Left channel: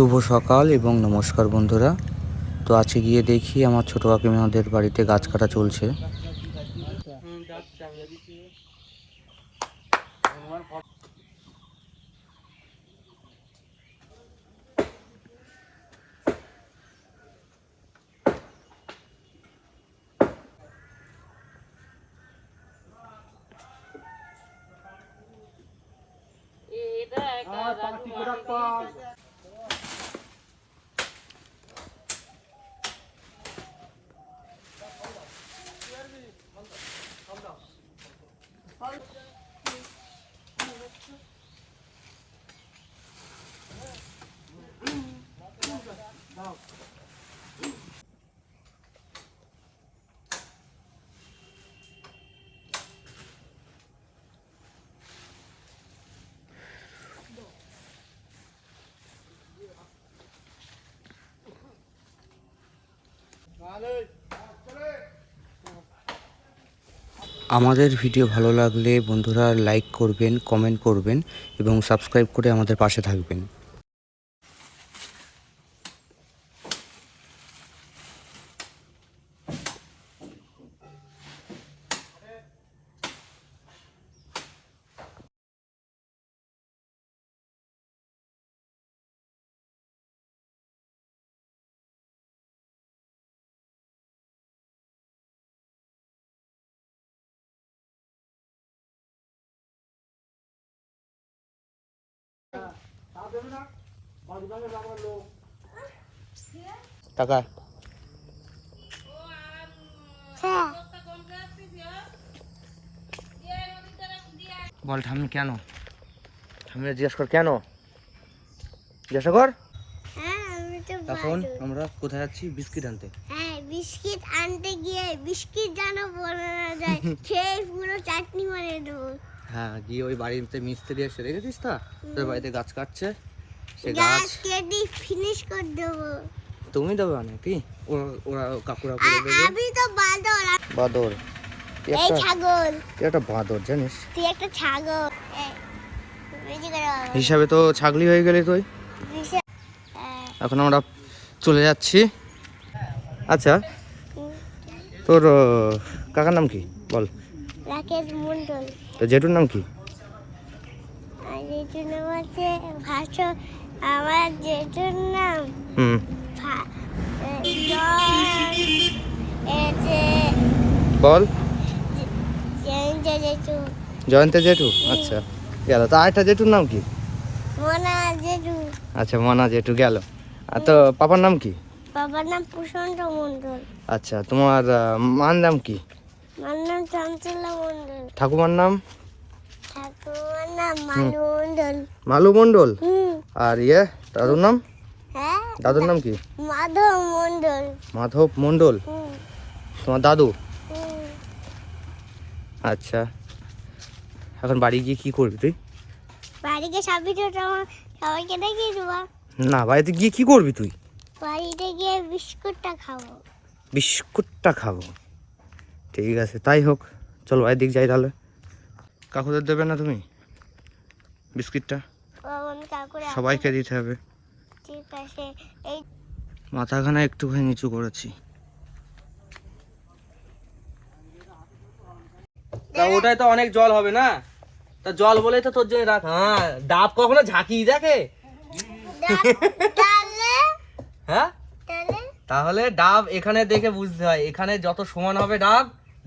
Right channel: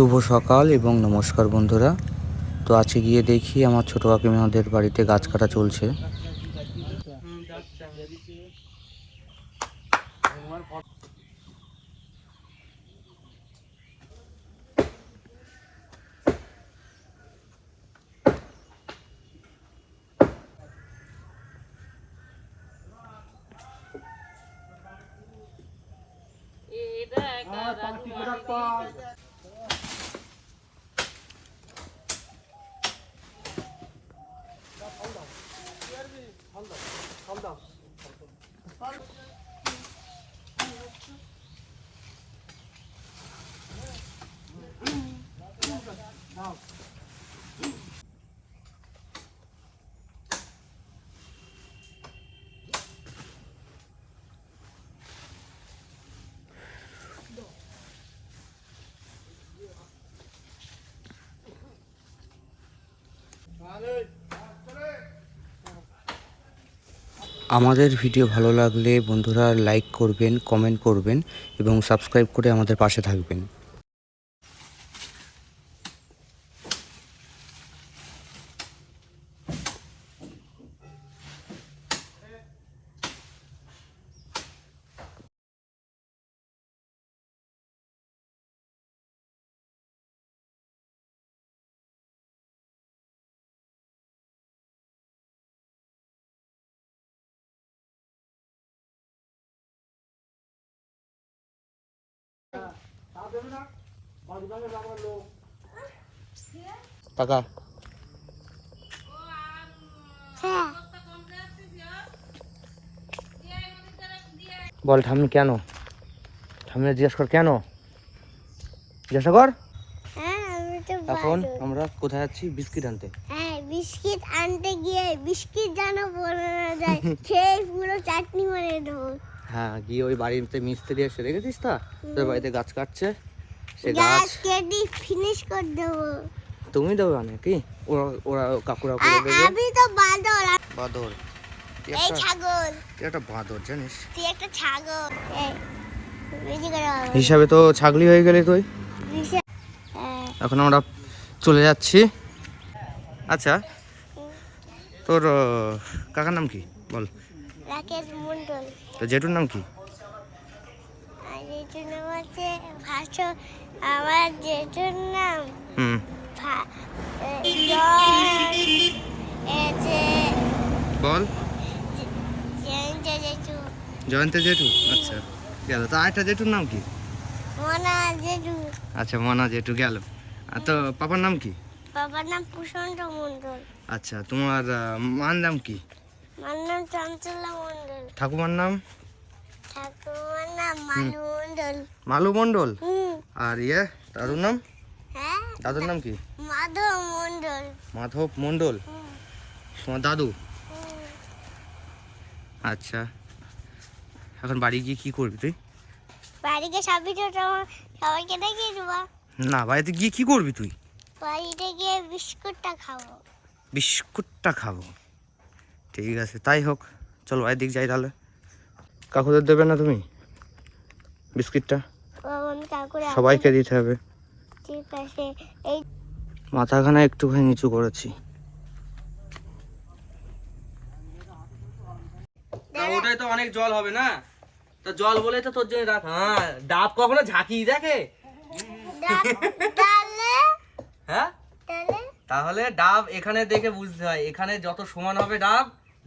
শুভ সকাল এবং নমস্কার বন্ধুরা। তো আজকে গিয়ে দেখি আমার ছোটো কাকিমাদের বাড়িতে গাছ কাটা চলছে। আমাদের ভিডিও ভালো লাগলে বন্ধুরা লাইক করবেন, কমেন্ট করবেন এবং সাবস্ক্রাইব করে আমাদের পাশে থাকবেন। টাকা বল ঠাম্মি কেন? ঠাম্মি জিজ্ঞেস কর কেন, জিজ্ঞাসা কর। এখন আমরা কোথায় যাচ্ছি? বিস্কিট আনতে। হ্যাঁ, বিস্কিট আনতে গিয়ে বিস্কিট যেন বলে না যায়, সেই পুরো চাটনি বানিয়ে দেবো। হ্যাঁ, গিয়ে ওই বাড়িতে মিস্ত্রি এসে দেখেছিস তা তোর বাড়িতে গাছ কাটছে, সে গাছ কেটে ফিনিশ করে দেবো। তুমি দেবে নাকি? ওরা ওরা কাকুরা করে দেবে। আমি তো বাঁদর। বাঁদর? এই ছাগল। তুই একটা বাঁদর জানিস? তুই একটা ছাগল। হিসাবে তো ছাগলি হয়ে গেলি তুই। এখন আমরা চলে যাচ্ছি। আচ্ছা, তোর কাকার নাম কি বল? রাকেশ মন্ডল। তো জেঠুর নাম কি? আর জেঠুর নাম আছে ভাস্কর। আমার জেঠুর নাম বল। জয়ন্ত জেঠু। জয়ন্ত জেঠু? আচ্ছা গেল। তো আরেকটা জেঠুর নাম কি? মনা জেঠু। আচ্ছা, মনা জেঠু গেল। আর তো পাপার নাম কি? বাবার নাম প্রশান্ত মন্ডল। আচ্ছা, তোমার মার নাম কি? মার নাম চঞ্চলা মন্ডল। ঠাকুমার নাম? ঠাকুমার নাম মালু মন্ডল। মালু মন্ডল? আর দাদুর নাম? হ্যাঁ, দাদুর নাম কি? মাধব মন্ডল। মাধব মন্ডল? তোমার দাদু? আচ্ছা, এখন বাড়ি গিয়ে কি করবি তুই? বাড়িতে সবাইকে দেখিয়ে দেবো। না, বাড়িতে গিয়ে কি করবি তুই? বাড়িতে গিয়ে বিস্কুটটা খাবো। বিস্কুটটা খাবো? ঠিক আছে, তাই হোক। চল বাড়ির দিক যাই তাহলে। কাকুদের দেবে না তুমি বিস্কিটটা? সবাইকে দিতে হবে। ঠিক আছে। এই মাথাখানা একটুখানি নিচু করেছি। ওটাই তো অনেক জল হবে না? তা জল বলেই তো তোর জন্য রাখ। হ্যাঁ, ডাব কখনো ঝাঁকিয়ে দেখে? হ্যাঁ, তাহলে ডাব এখানে দেখে বুঝতে হয়, এখানে যত সমান হবে ডাব,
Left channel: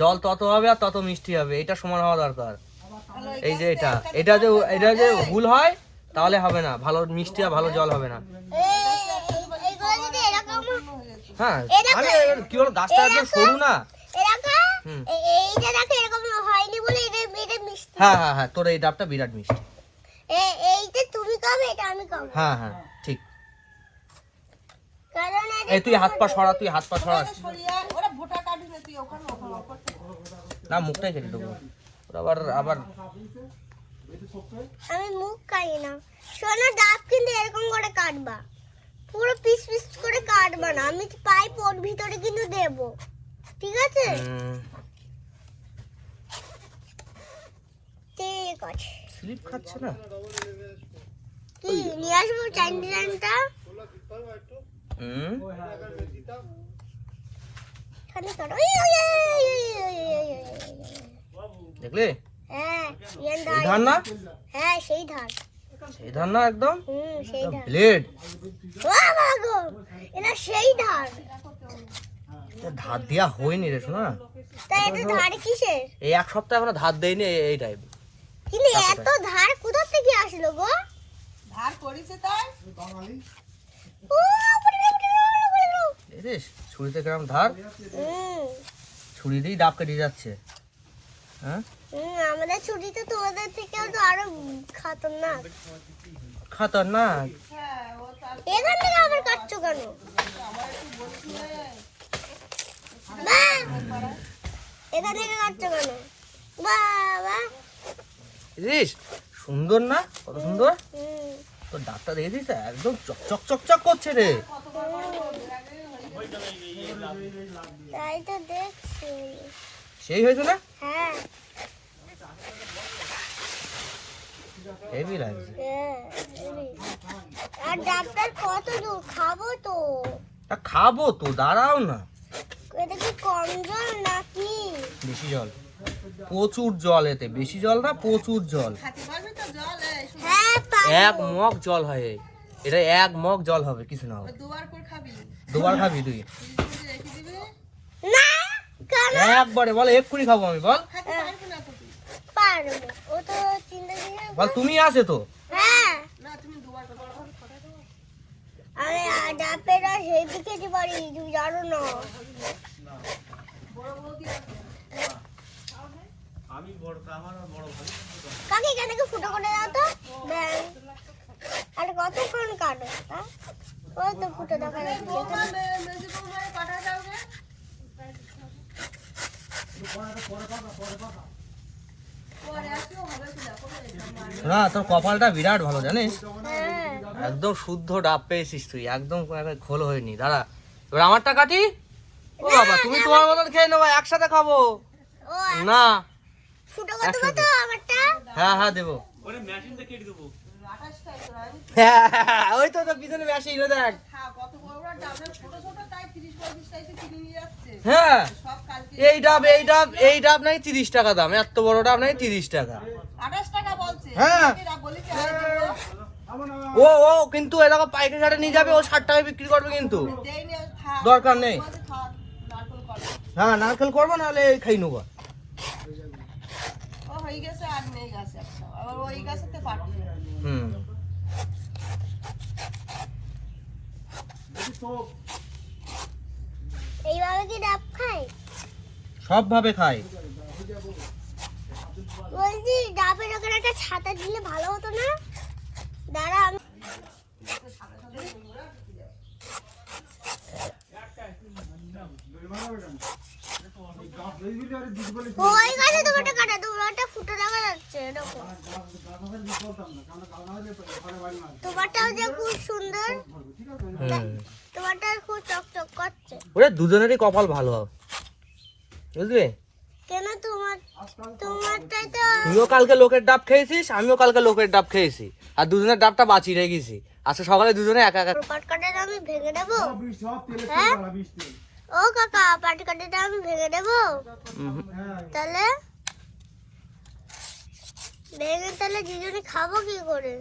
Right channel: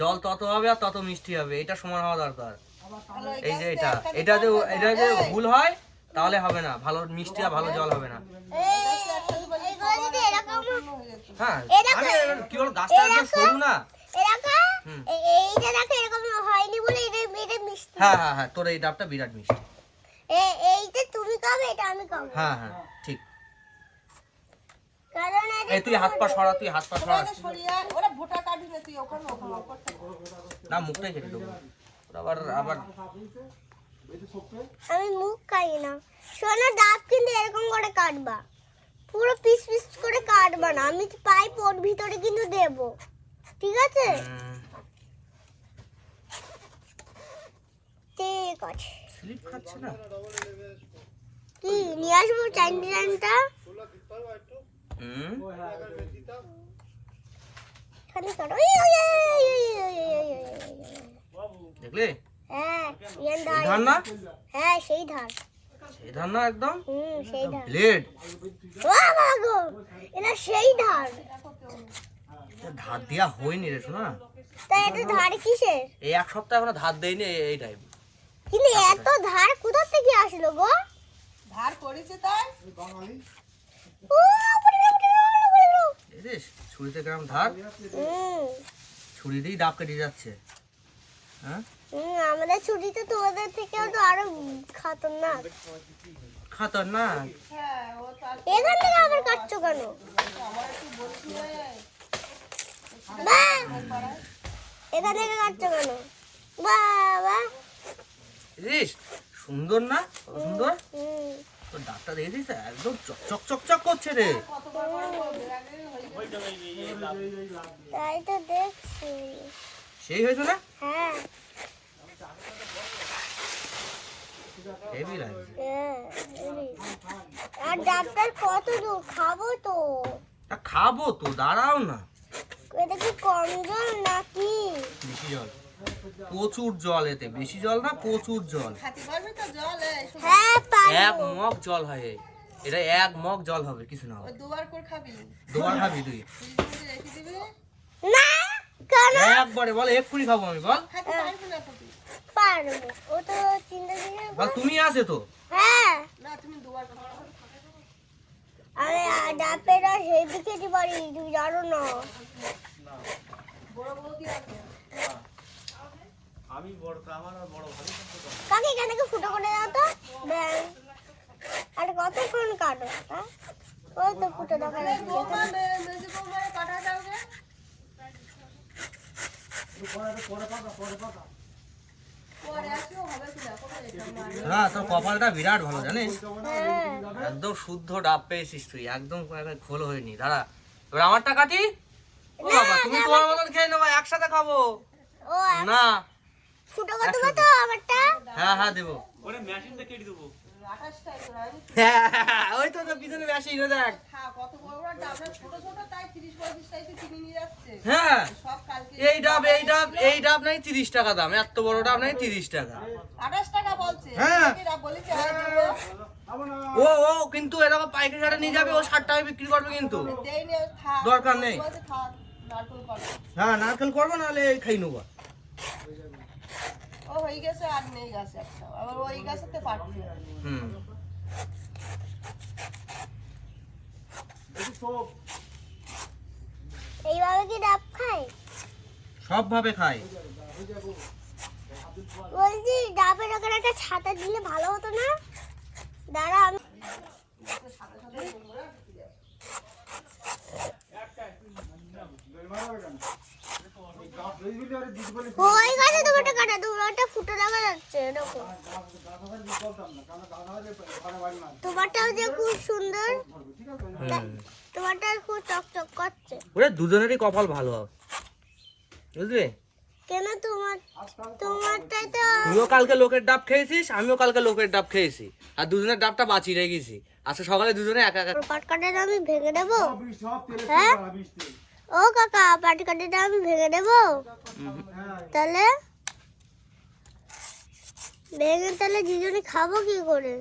জল তত হবে আর তত মিষ্টি হবে। এটা সমান হওয়া দরকার। এই যে এটা যে ভুল হয় তাহলে হবে না, ভালো মিষ্টি আর ভালো জল হবে না। হ্যাঁ, কি হলো, গাছটা একদম সরু না? হ্যাঁ হ্যাঁ হ্যাঁ, তোর এই ডাবটা বিরাট মিষ্টি। এইটা তুমি খাবে, এটা আমি খাবো। হ্যাঁ হ্যাঁ, ঠিক। এই তুই হাত পা সরা, না মুখটাই কেটে দেবো। আবার আমি মুখ খাই না। শোনো, ডাব কিন্তু এরকম করে কাটবা, পুরো পিস পিস করে কাটবা না। আমি পাইপ ওর ভিতরে কিন্তু দেব, ঠিক আছে? ঠিক আছে। স্লিপ খাচ্ছে না? কি নিয়ে আসবো চাইনিজটা? হুম খালি করো দেখলে হ্যাঁ এই ধান না, হ্যাঁ সেই ধান এই ধান না একদম সেই ধান ব্লেড। বাবা গো এটা সেই ধান ধার দেওয়া হয়নি রে শোনা, তাই এটা ধার কিসের এই এক সপ্তাহ এখনো ধার দেয়নি এই টাইপ। কিন্তু এত ধার কোথা থেকে আসলো গো ধার করেছে তাই ও দেখিস ছুরিতে কিরম ধার, ছুরি দিয়েই ডাব কেটে যাচ্ছে। হ্যাঁ আমাদের ছুটি তো তোমাদের থেকেও তো আরো খতরনাক খতরনাক। এখান থেকে আবার কাটছো কেন বা এখান থেকে কাটছো কেন বাবা দেখিস সুন্দর না, কত সুন্দর। তোর ডাবটা দেখে দিস একদম চকচক চকচক করছে রে। তাই তো দেখছি সেই হয়েছে না, হ্যাঁ হেভি লাগছে। আর ডাক্তার কত দূর খাবো তো তা খাবো তো, দাঁড়াও না। এটা কি কম জল নাকি বেশি জল, প্রচুর জল, এতে বেশি জল না প্রচুর জল। খেতে পারবে তো জল হ্যাঁ এক মগ জল হয় এটা, এক মগ জল হবে, কিছু না হবে। দুবার করে খাবি দুবার খাবি তুই? রেখে দিবি না কেন একবারে বল, এক্ষুনি খাবো আমি, বল খেতে পারবি না তুমি পারবো ও তো চিন্তা করে বল, তুমি আছে তো। হ্যাঁ না তুমি দুবার আরে ডাক্তাররা সেই দিকে পারি তুমি জানো না কাকে কেন ফুটো করে দাও তো ব্যাং। আর কতক্ষণ কাটো হ্যাঁ ওই তো ফুটো দেখা যাচ্ছে বেশি করে কাটা যাবে না তোর কপালটা বিরাট ভালো জানিস, হ্যাঁ একদম শুদ্ধ ডাব পেয়েছিস তুই, একদম খোল হয়নি। দাঁড়া এবার আমারটা কাটি। ও বাবা, তুমি তোমার মতন খেয়ে নেবো, একসাথে খাবো ও না। ফুটো কত কত আমারটা হ্যাঁ হ্যাঁ দেবো, ওই তো তোর পিছনে মেশিন দেখ। কত বড় বড় ডাবের ছোট ছোট তাই 30 টাকা কিনে নিয়ে যাচ্ছে হ্যাঁ সব কালকে এই ডাব নাই 30 টাকা দাম, এত বড় ডাব নাই 30 টাকা। 28 টাকা বলছে হ্যাঁ এরা বলেছে ও ও কিন্তু এরকম পাইকারি হাটে নিয়ে যাবে, ও 60 টাকায় বিক্রি করবে, কিন্তু দেইনি খা দরকার নেই। খা নারকেল পাড়া হ্যাঁ নারকেল করবো, নাহলে এই খাই নেবো। ও হয়ে গেছে আর নেই গাছে আবার ওই গাছেতে পারবে হুম এইভাবে কি ডাব খায় সব ভাবে খাই। বলছি ডাবের ওখানে একটা ছাতা দিলে ভালো হতো না দাঁড়া আমি ওই গাছে দুটো কাটা দুটো ফুটো দেখা যাচ্ছে এরকম তোমারটাও যে খুব সুন্দর তোমারটা খুব চকচক করছে ওরে দুজনেরই কপাল ভালো, বুঝলি? কেন তোমারটাই তো তুইও কালকে লোকের ডাব খেয়েছিস, আমিও কালকে লোকের ডাব খেয়েছি, আর দুজনের ডাবটা বাঁচিয়ে রেখেছি। আচ্ছা সকালে দুজনে একা একা। পাটকাঠিটা আমি ভেঙে দেবো হ্যাঁ ও কাকা পাটকাঠিটা আমি ভেঙে দেবো তাহলে ভেঙে তাহলে দুজনে খাবো কি করে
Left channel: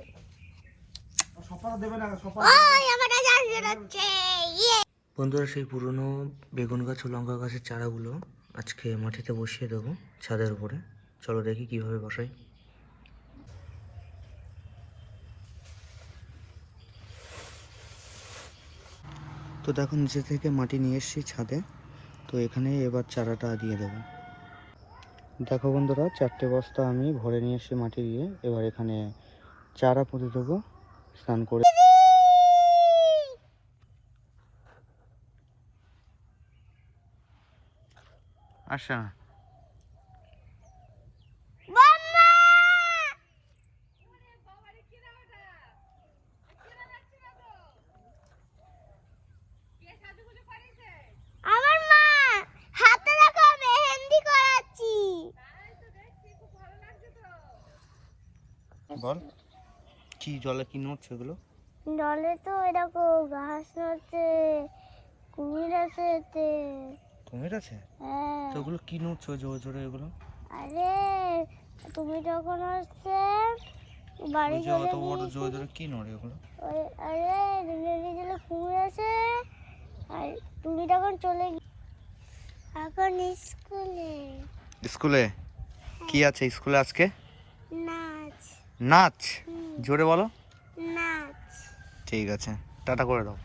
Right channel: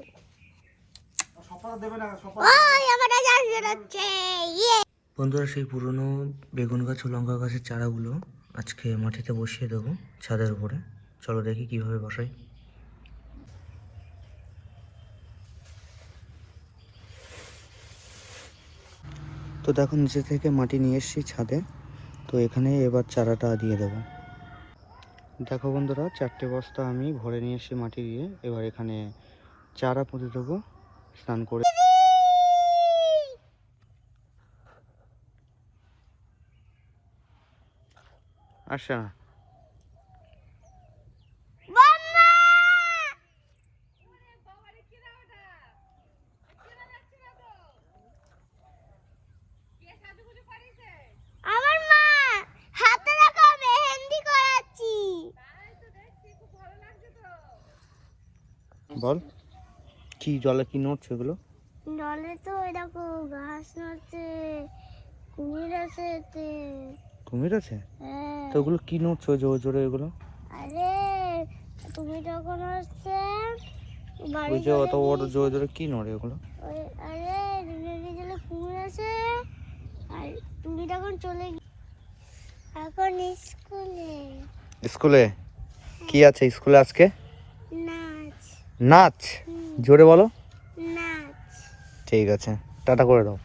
ওই আমারটা জানিয়ে যাচ্ছে ইয়ে বন্ধুরা, সেই পুরনো বেগুন গাছ ও লঙ্কা গাছের চারাগুলো আজকে মাটিতে বসিয়ে দেবো ছাদের উপরে। চলো দেখি কিভাবে বসাই। তো দেখো নিচে থেকে মাটি নিয়ে এসেছি ছাদে, তো এখানে এবার চারাটা দিয়ে দেবো। দেখো বন্ধুরা, 4টে বস্তা আমি ভরে নিয়ে এসেছি মাটি দিয়ে, এবার এখানে চারা পুঁতে দেবো স্নান করে। আচ্ছা আমার মা হাতে রাখা মেহেন্দি করাচ্ছি বল, কি জলে কি নোট সেগুলো? জলে তো এরকম ঘাস আছে, কুমির আছে এতে। কুমির আছে? হ্যাঁ। তো ওগুলো কি নড়ছে জোরে জোরে এগুলো? আরে তুমি যখন হচ্ছে বাড়ি ওই যে চলে অত বড় গিয়েছি- জোরে জোরে কি নড়ে ওগুলো? আরে জলে কুমির আছে, আর তুমি তখন চলে এখন স্কুলে স্কুলে কি আছে স্কুলে আজকে? নাচ। নাচ? হুম, জোরে বলো। নাচ। ঠিক আছে, টাটা করে দাও।